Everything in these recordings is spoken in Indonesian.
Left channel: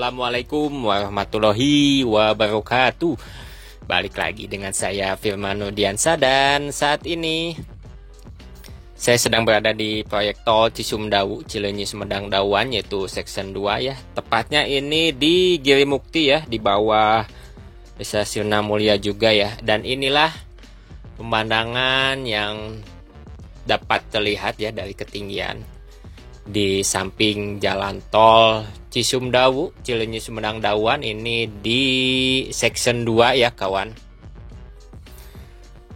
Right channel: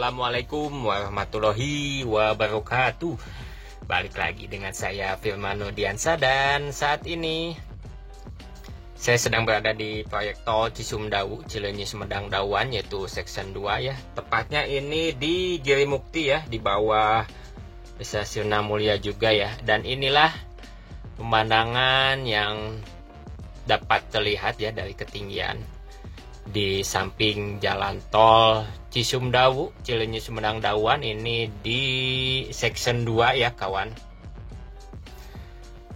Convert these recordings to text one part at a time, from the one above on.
Assalamualaikum warahmatullahi wabarakatuh. Balik lagi dengan saya Firman Nurdiansa, dan saat ini saya sedang berada di proyek tol Cisumdawu Cileunyi Sumedang Dawan, yaitu section 2 ya. Tepatnya ini di Giri Mukti ya, di bawah Desa Sirna Mulia juga ya. Dan inilah pemandangan yang dapat terlihat ya dari ketinggian di samping jalan tol Cisumdawu Cileunyi Sumedang Dawan, ini di section 2 ya kawan.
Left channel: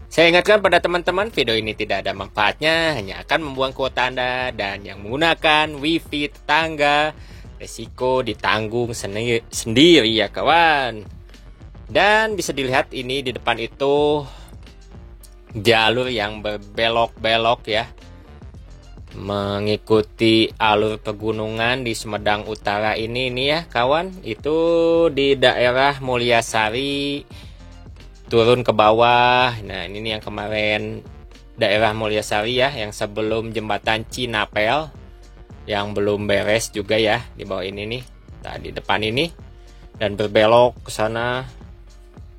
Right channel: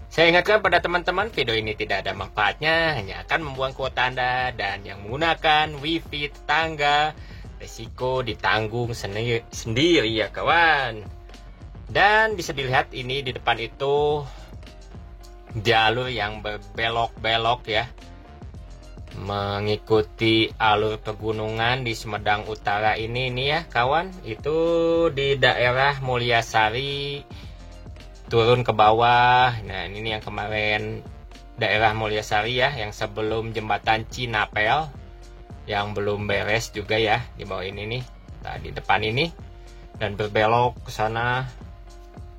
Saya ingatkan pada teman-teman, video ini tidak ada manfaatnya, hanya akan membuang kuota Anda, dan yang menggunakan wifi tetangga resiko ditanggung sendiri ya kawan. Dan bisa dilihat ini di depan itu jalur yang berbelok-belok ya, mengikuti alur pegunungan di Sumedang Utara ini ya kawan. Itu di daerah Mulyasari turun ke bawah. Nah ini yang kemarin daerah Mulyasari ya, yang sebelum jembatan Cinapel yang belum beres juga ya, di bawah ini nih. Nah di depan ini, dan berbelok ke sana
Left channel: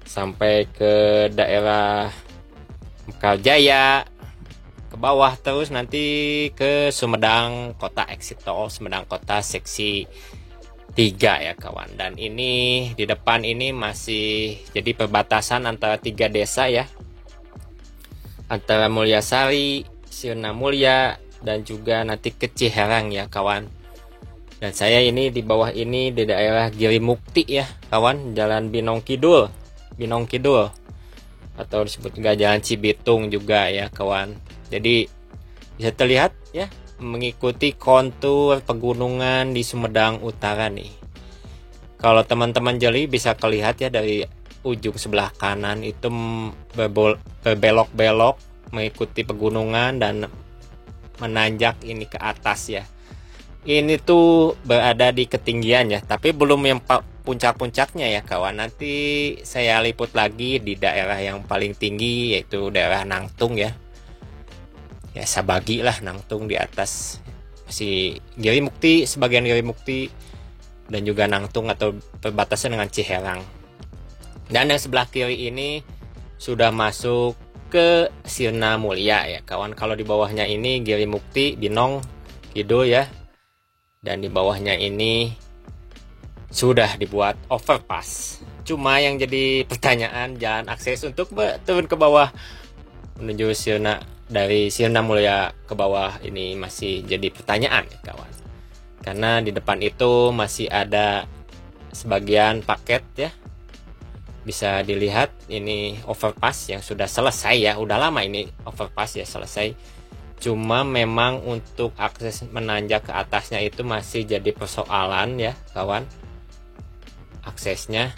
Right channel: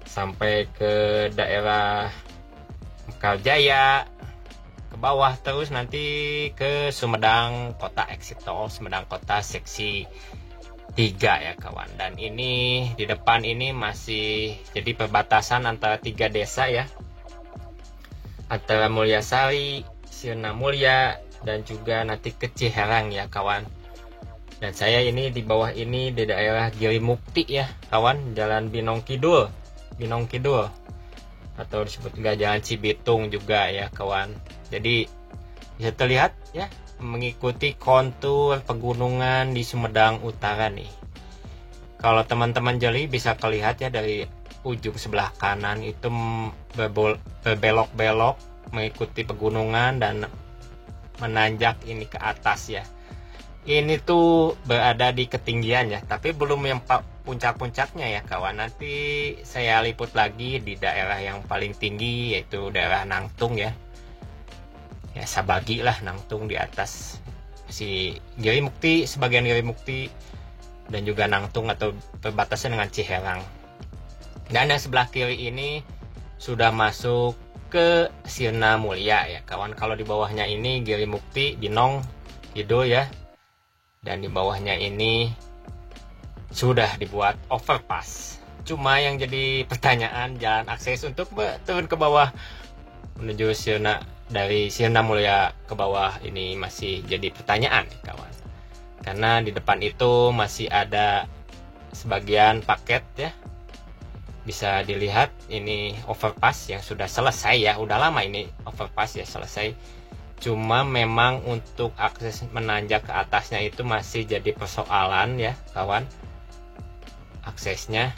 sampai ke daerah Mekarjaya, ke bawah terus nanti ke Sumedang Kota, exit tol Sumedang Kota seksi 3 ya kawan. Dan ini di depan ini masih jadi perbatasan antara 3 desa ya, antara Mulyasari, Sirna Mulia, dan juga nanti ke Ciherang ya kawan. Dan saya ini di bawah ini di daerah Giri Mukti ya kawan, Jalan Binong Kidul atau disebut juga Jalan Cibitung juga ya kawan. Jadi bisa terlihat ya, mengikuti kontur pegunungan di Sumedang Utara nih. Kalau teman-teman jeli bisa terlihat ya, dari ujung sebelah kanan itu berbelok-belok mengikuti pegunungan dan menanjak ini ke atas ya. Ini tuh berada di ketinggian ya, tapi belum yang puncak-puncaknya ya kawan. Nanti saya liput lagi di daerah yang paling tinggi, yaitu daerah Nangtung ya. Ya Sabagi lah, Nangtung di atas si Giri Mukti, sebagian Giri Mukti, dan juga Nangtung atau perbatasan dengan Ciherang. Dan yang sebelah kiri ini sudah masuk ke Sirna Mulia ya kawan. Kalau di bawahnya ini Giri Mukti, Binong Kidul ya. Dan di bawahnya ini sudah dibuat overpass. Cuma yang jadi pertanyaan, jalan akses untuk turun ke bawah menuju Sirna, dari Sirna Mulia ke bawah ini masih jadi pertanyaan kawan. Karena di depan itu masih ada sebagian paket ya. Bisa dilihat ini overpass yang sudah selesai ya. Udah lama ini overpass ya selesai. Cuma memang untuk akses menanjak ke atasnya itu masih jadi persoalan ya kawan, aksesnya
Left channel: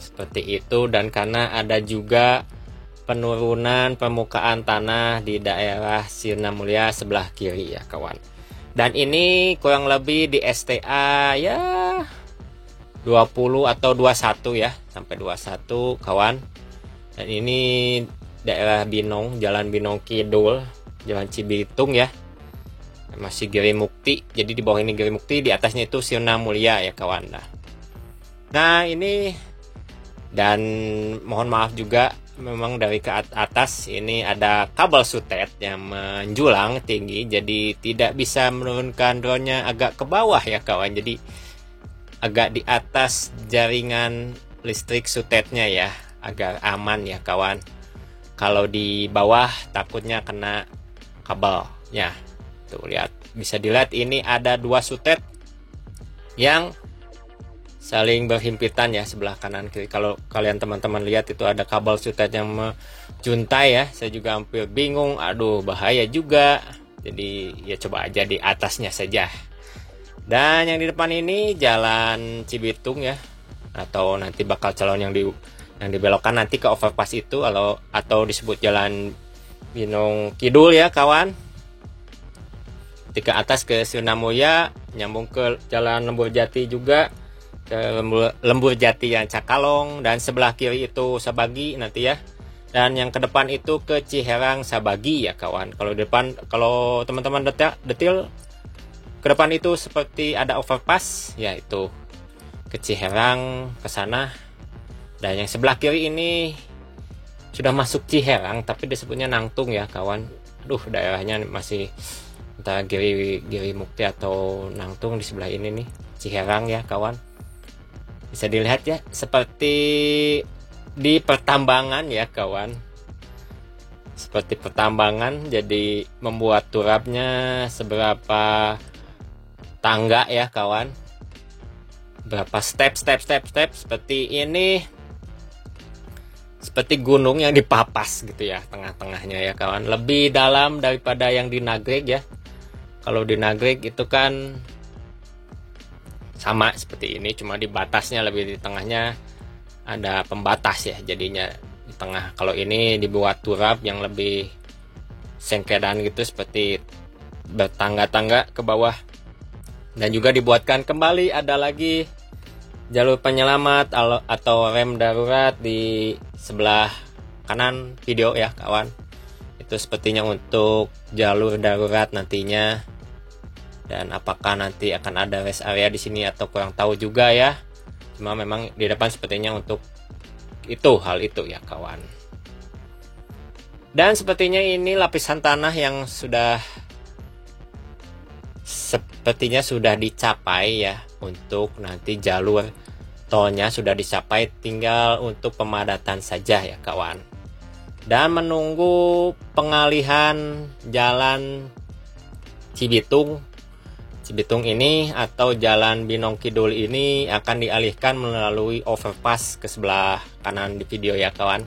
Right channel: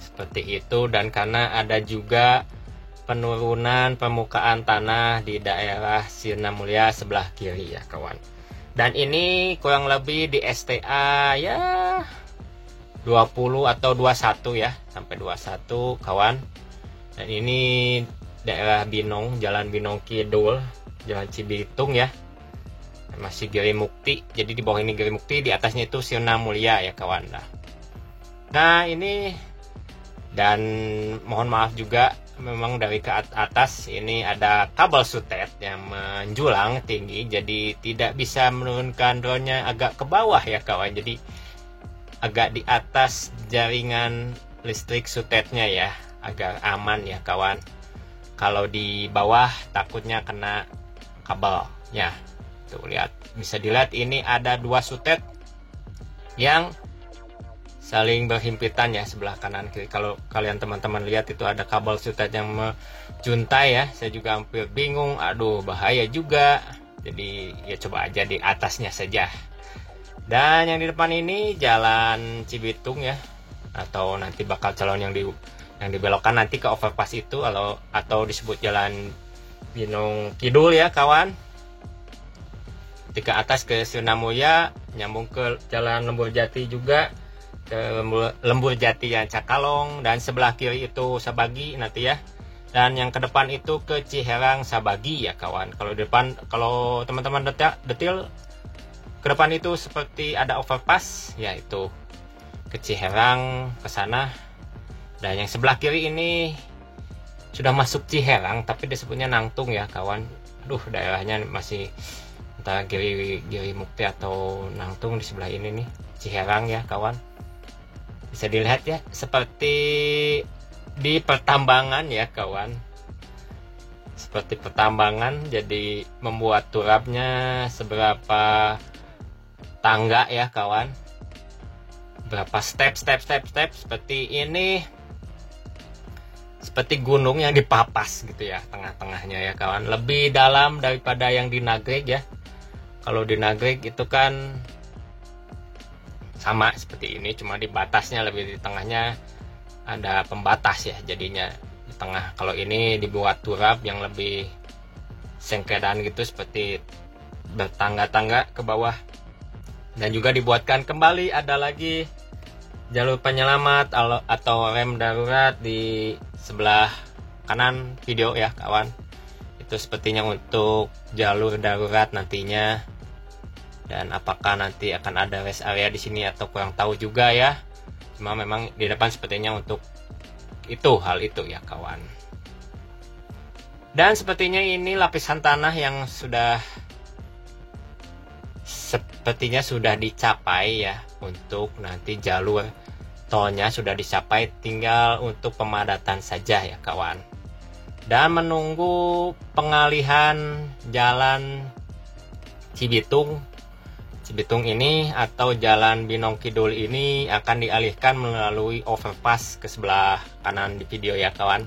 seperti itu. Dan karena ada juga penurunan permukaan tanah di daerah Sirna Mulia sebelah kiri ya kawan. Dan ini kurang lebih di STA ya 20 atau 21 ya, sampai 21 kawan. Dan ini daerah Binong, Jalan Binong Kidul, Jalan Cibitung ya, masih Giri Mukti. Jadi di bawah ini Giri Mukti, di atasnya itu Sirna Mulia ya kawan. Nah ini, dan mohon maaf juga, memang dari ke atas ini ada kabel sutet yang menjulang tinggi, jadi tidak bisa menurunkan drone-nya agak ke bawah ya kawan. Jadi agak di atas jaringan listrik sutetnya ya, agar aman ya kawan. Kalau di bawah takutnya kena kabelnya. Tuh lihat, bisa dilihat ini ada 2 sutet yang saling berhimpitan ya, sebelah kanan kiri. Kalau kalian teman-teman lihat itu ada kabel sutet yang menjuntai ya. Saya juga hampir bingung, aduh bahaya juga. Jadi ya coba aja di atasnya saja. Dan yang di depan ini Jalan Cibitung ya, atau nanti bakal calon yang dibelokkan nanti ke overpass itu, atau disebut Jalan Binong Kidul ya kawan. Ke atas ke Sirna Mulia, nyambung ke Jalan Lembur Jati juga, ke Lembur Jati yang Cakalong, dan sebelah kiri itu Sabagi nanti ya. Dan yang ke depan itu ke Ciherang Sabagi ya kawan. Kalau depan, kalau teman-teman detail ke depan itu seperti ada overpass ya, itu ke Ciherang ke sana. Dan yang sebelah kiri ini sudah masuk Ciherang tapi disebutnya Nangtung ya kawan. Aduh, daerahnya masih entah Giri Mukti atau Nangtung di sebelah ini nih, Ciherang ya kawan. Bisa dilihat ya, seperti di pertambangan ya kawan. Seperti pertambangan, jadi membuat turapnya seberapa tangga ya kawan. Berapa step seperti ini. Seperti gunung yang dipapas gitu ya, tengah-tengahnya ya kawan. Lebih dalam daripada yang di Nagreg ya. Kalau di Nagreg itu kan sama seperti ini, cuma di batasnya, lebih di tengahnya ada pembatas ya jadinya di tengah. Kalau ini dibuat turap yang lebih sengkedan gitu, seperti bertangga-tangga ke bawah. Dan juga dibuatkan kembali ada lagi jalur penyelamat atau rem darurat di sebelah kanan video ya kawan. Itu sepertinya untuk jalur darurat nantinya. Dan apakah nanti akan ada rest area di sini atau kurang tahu juga ya. Cuma memang di depan sepertinya untuk hal itu ya kawan. Dan sepertinya ini lapisan tanah yang sepertinya sudah dicapai ya, untuk nanti jalur tolnya sudah dicapai, tinggal untuk pemadatan saja ya kawan. Dan menunggu pengalihan jalan Cibitung ini atau jalan Binong Kidul ini akan dialihkan melalui overpass ke sebelah kanan di video ya kawan.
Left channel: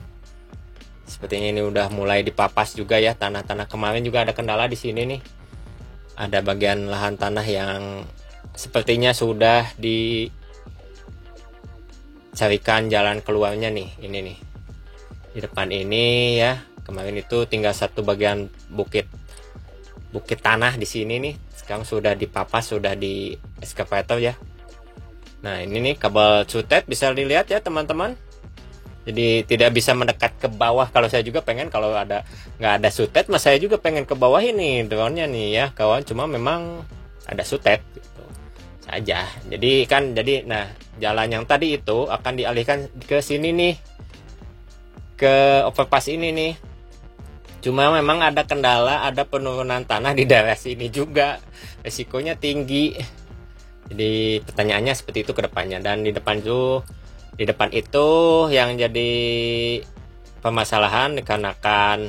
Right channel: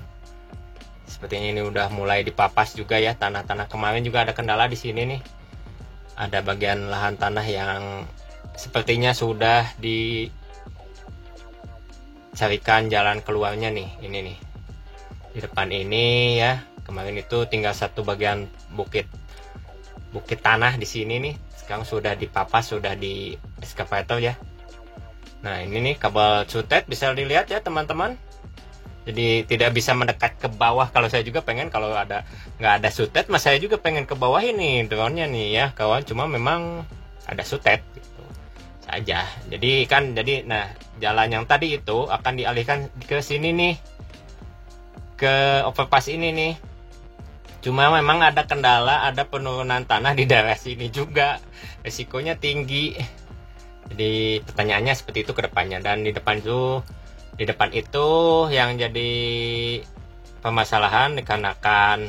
Sepertinya ini udah mulai dipapas juga ya tanah-tanah. Kemarin juga ada kendala di sini nih. Ada bagian lahan tanah yang sepertinya sudah dicarikan jalan keluarnya nih. Ini nih. Di depan ini ya. Kemarin itu tinggal satu bagian bukit tanah di sini nih. Sekarang sudah dipapas, sudah di excavator ya. Nah, ini nih kabel cutet bisa dilihat ya teman-teman. Jadi tidak bisa mendekat ke bawah. Kalau saya juga pengen, kalau nggak ada sutet, mas saya juga pengen ke bawah ini drone-nya nih ya kawan. Cuma memang ada sutet gitu saja. Nah jalan yang tadi itu akan dialihkan ke sini nih, ke overpass ini nih. Cuma memang ada kendala, ada penurunan tanah di daerah sini juga, resikonya tinggi. Jadi pertanyaannya seperti itu ke depannya. Dan di depan itu yang jadi permasalahan dikarenakan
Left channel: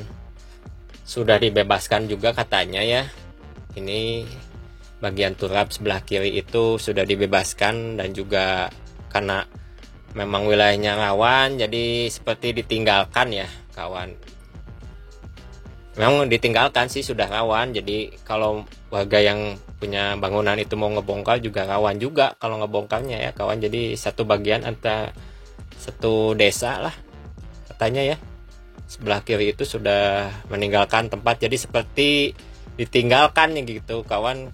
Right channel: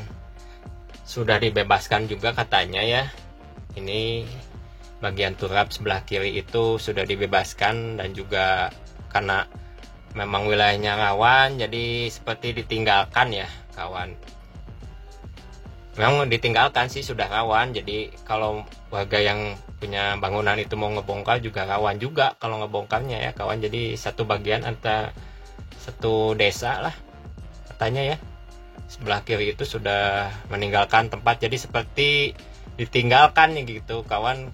sudah dibebaskan juga katanya ya. Ini bagian turap sebelah kiri itu sudah dibebaskan, dan juga karena memang wilayahnya rawan, jadi seperti ditinggalkan ya kawan. Memang ditinggalkan sih, sudah rawan. Jadi kalau warga yang punya bangunan itu mau ngebongkar juga rawan juga kalau ngebongkarnya ya kawan. Jadi satu bagian antara satu desa lah katanya ya, sebelah kiri itu sudah meninggalkan tempat. Jadi seperti ditinggalkan gitu kawan.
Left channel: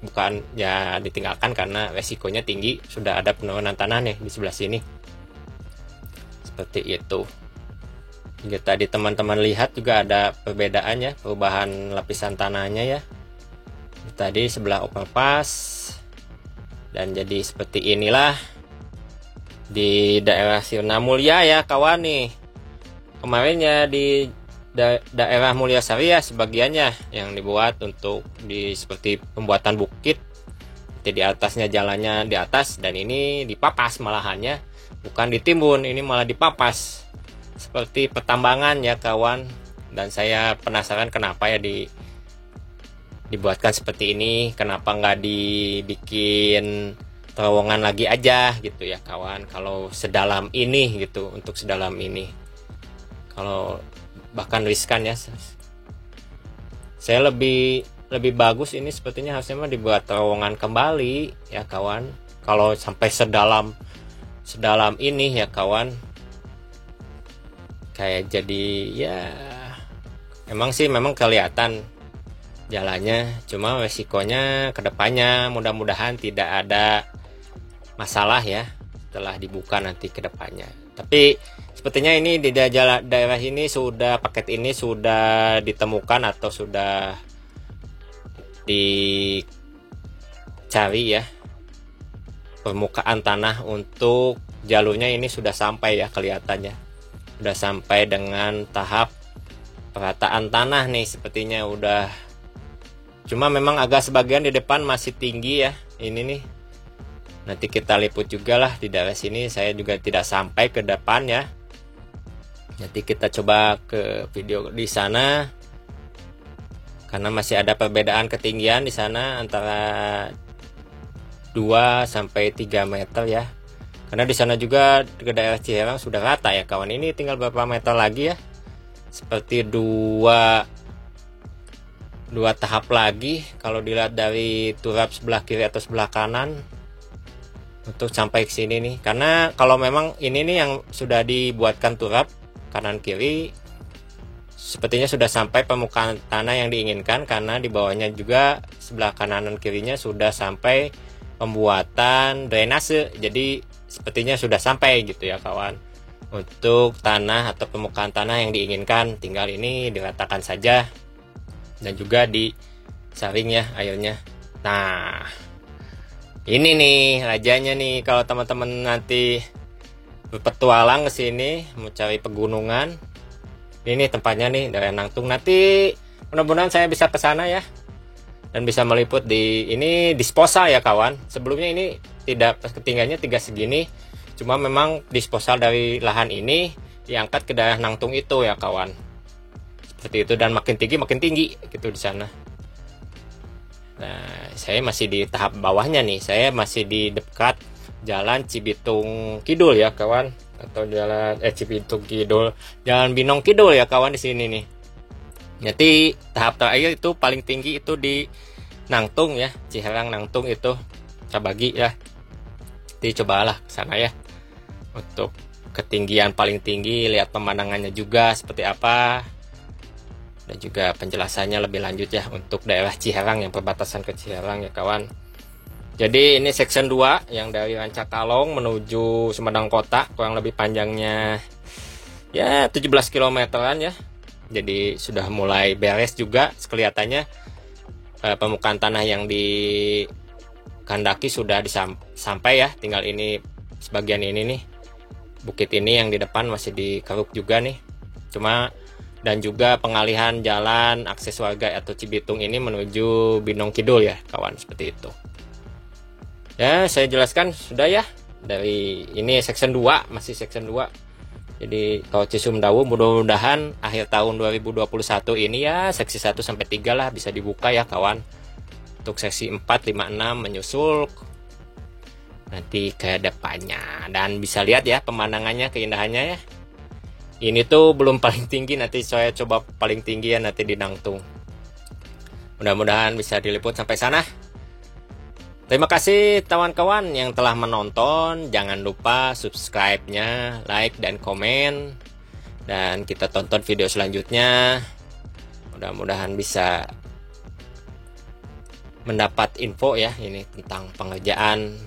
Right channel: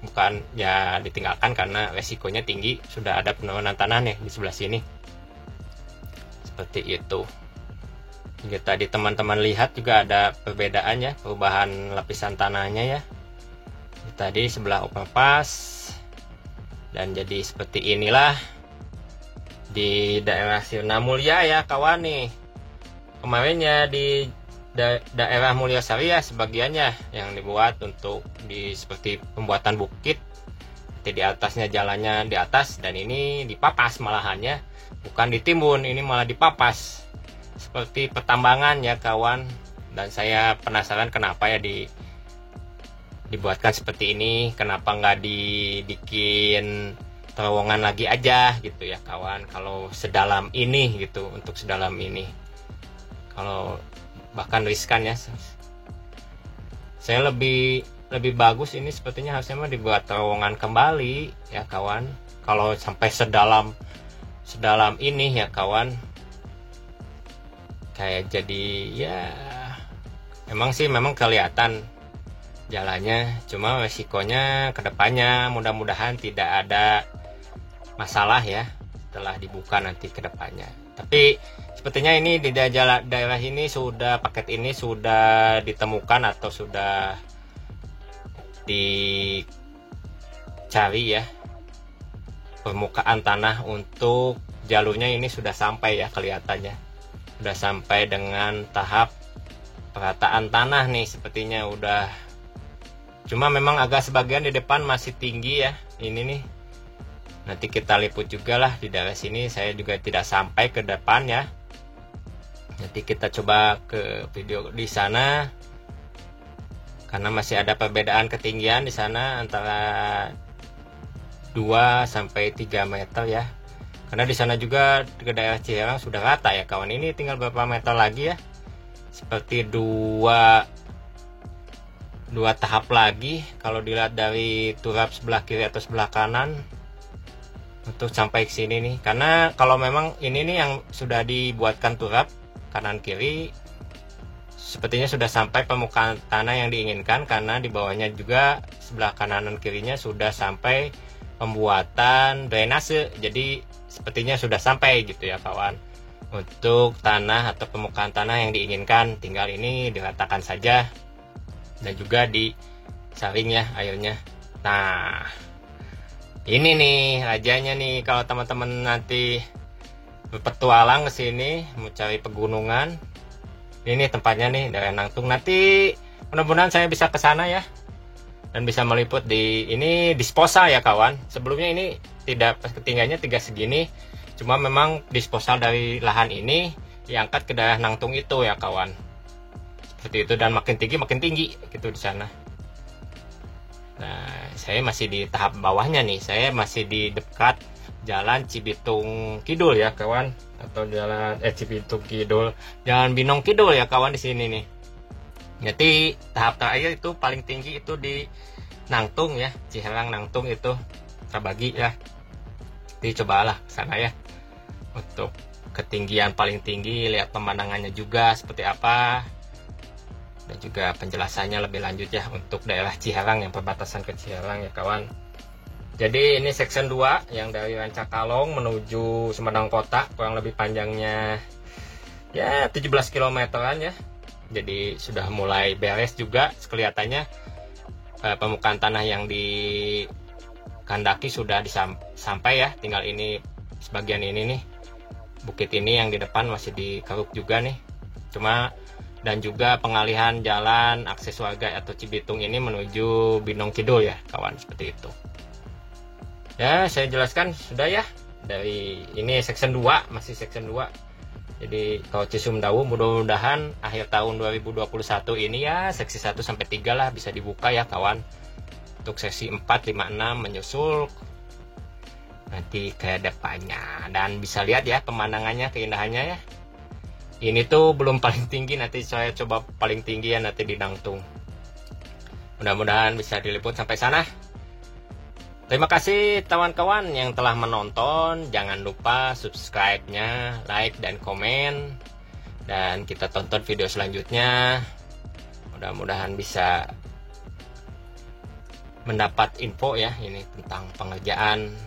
Bukan ya ditinggalkan karena resikonya tinggi, sudah ada penurunan tanah nih di sebelah sini. Seperti itu. Jadi tadi teman-teman lihat juga ada perbedaannya, perubahan lapisan tanahnya ya. Tadi sebelah overpass, dan jadi seperti inilah di daerah Sirna Mulia ya kawan nih. Kemarinnya di daerah Mulyasari ya sebagiannya yang dibuat untuk seperti pembuatan bukit. Jadi di atasnya jalannya di atas, dan ini dipapas malahannya, bukan ditimbun, ini malah dipapas. Seperti pertambangan ya kawan. Dan saya penasaran kenapa ya dibuatkan seperti ini, kenapa nggak dibikin terowongan lagi aja gitu ya kawan. Kalau sedalam ini gitu, untuk sedalam ini, kalau bahkan riskan ya, saya lebih bagus ini sepertinya harusnya dibuat terowongan kembali ya kawan. Kalau sampai sedalam ini ya kawan, kayak jadi ya memang kelihatan jalannya, cuma resikonya kedepannya mudah-mudahan tidak ada masalah ya setelah dibuka nanti kedepannya. Tapi sepertinya ini di daerah ini paket ini sudah ditemukan atau sudah dicari ya permukaan tanah untuk jalurnya ini sudah sampai ya, kelihatannya sudah sampai dengan tahap perataan tanah nih, sepertinya udah. Cuma memang agak sebagian di depan masih tinggi ya, ini nih. Nanti kita liput juga lah di daerah sini, saya juga tidak sampai ke depan ya. Nanti kita coba ke video di sana, karena masih ada perbedaan ketinggian di sana antara 2 sampai 3 meter ya. Karena di sana juga ke daerah Ciherang sudah rata ya kawan. Ini tinggal berapa meter lagi ya? Seperti dua tahap lagi kalau dilihat dari turap sebelah kiri atau sebelah kanan untuk sampai ke sini nih. Karena kalau memang ini nih yang sudah dibuatkan turap kanan kiri, sepertinya sudah sampai permukaan tanah yang diinginkan, karena di bawahnya juga sebelah kanan dan kirinya sudah sampai pembuatan drainase. Jadi sepertinya sudah sampai gitu ya kawan, untuk tanah atau permukaan tanah yang diinginkan. Tinggal ini diratakan saja dan juga disaring ya airnya. Nah, ini nih rajanya nih, kalau teman-teman nanti berpetualang ke sini mau cari pegunungan, ini tempatnya nih, daerah Nangtung. Nanti mudah-mudahan saya bisa ke sana ya, dan bisa meliput di ini disposa ya kawan. Sebelumnya ini tidak, ketinggiannya tidak segini, cuma memang disposa dari lahan ini diangkat ke daerah Nangtung itu ya kawan, seperti itu. Dan makin tinggi gitu di sana. Nah, saya masih di tahap bawahnya nih, saya masih di dekat Jalan Cibitung Kidul ya kawan, atau jalan Cibitung Kidul, Jalan Binong Kidul ya kawan di sini nih. Jadi tahap terakhir itu paling tinggi itu di Nangtung ya, Ciherang Nangtung itu kita bagi ya. Jadi cobalah sama ya, untuk ketinggian paling tinggi, lihat pemandangannya juga seperti apa, dan juga penjelasannya lebih lanjut ya untuk daerah Ciherang yang perbatasan ke Ciherang ya kawan. Jadi ini section 2 yang dari Rancakalong menuju Sumedang Kota, kurang lebih panjangnya ya 17 kilometeran ya. Jadi sudah mulai beres juga kelihatannya. Permukaan tanah yang dikandaki sudah sampai ya, tinggal ini sebagian ini nih, bukit ini yang di depan masih dikeruk juga nih. Cuma, dan juga pengalihan jalan akses warga atau Cibitung ini menuju Binong Kidul ya kawan, seperti itu. Ya, saya jelaskan sudah ya. Dari ini section 2, masih section 2. Jadi Tol Cisumdawu mudah-mudahan akhir tahun 2021 ini ya seksi 1 sampai 3 lah bisa dibuka ya kawan. Untuk seksi 4, 5, 6 menyusul nanti ke depannya. Dan bisa lihat ya pemandangannya, keindahannya ya. Ini tuh belum paling tinggi, nanti saya coba paling tinggi ya nanti di Nangtung. Mudah-mudahan bisa diliput sampai sana. Terima kasih kawan-kawan yang telah menonton. Jangan lupa subscribe-nya, like dan komen. Dan kita tonton video selanjutnya. Mudah-mudahan bisa mendapat info ya ini tentang pengerjaan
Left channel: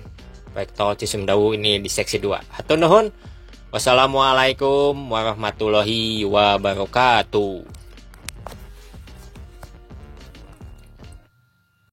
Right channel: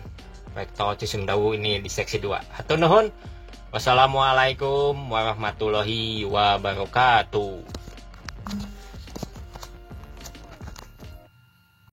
proyek Tol Cisumdawu ini di seksi 2. Hatur nuhun. Wassalamualaikum warahmatullahi wabarakatuh.